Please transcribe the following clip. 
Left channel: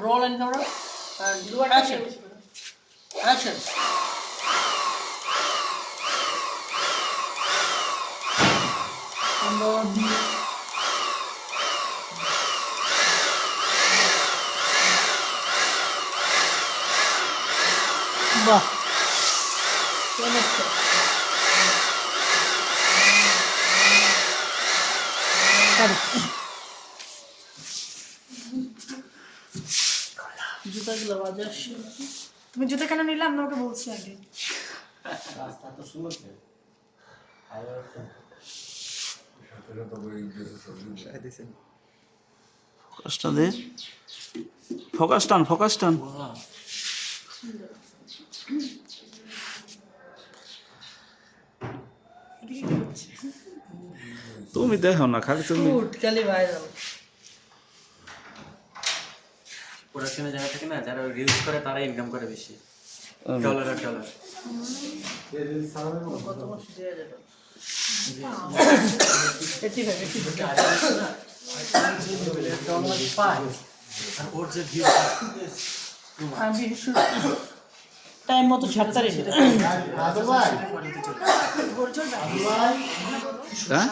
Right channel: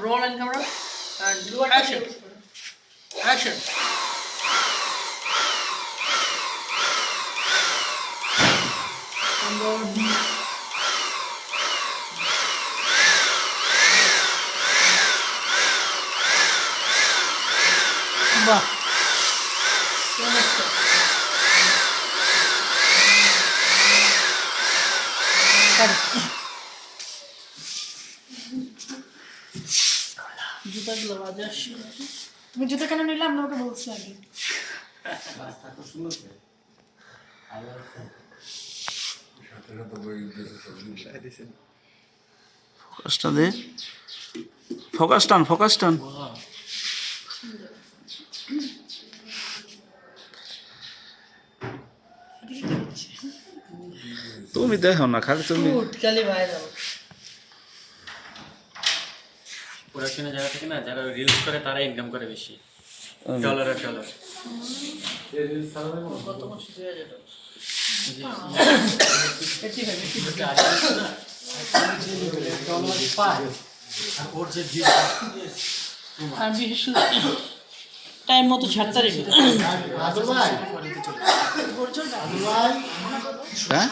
roll and camera and blue R action. Action. বাহ চমৎকার জুতাগুলো বাজে আসছে তুমি জুতো কেন নিলে? আমরা ওকে বলছি আগে। ফোকাসটা দে। ফোকাস টান ফোকাস টান। তুমি দেখো না খালি তুমি খালি ভাইরাল প্রোডাকশনের জায়গা থেকে না যারা রিলস করে তারা ইনকাম করে বেশি। ডলার আর ডলার কত মাসে দেওয়া যেত এটি? এটি ওর যে ভিউ আমি বিশেষ টাইম মতো ছাড়তে হ্যাঁ?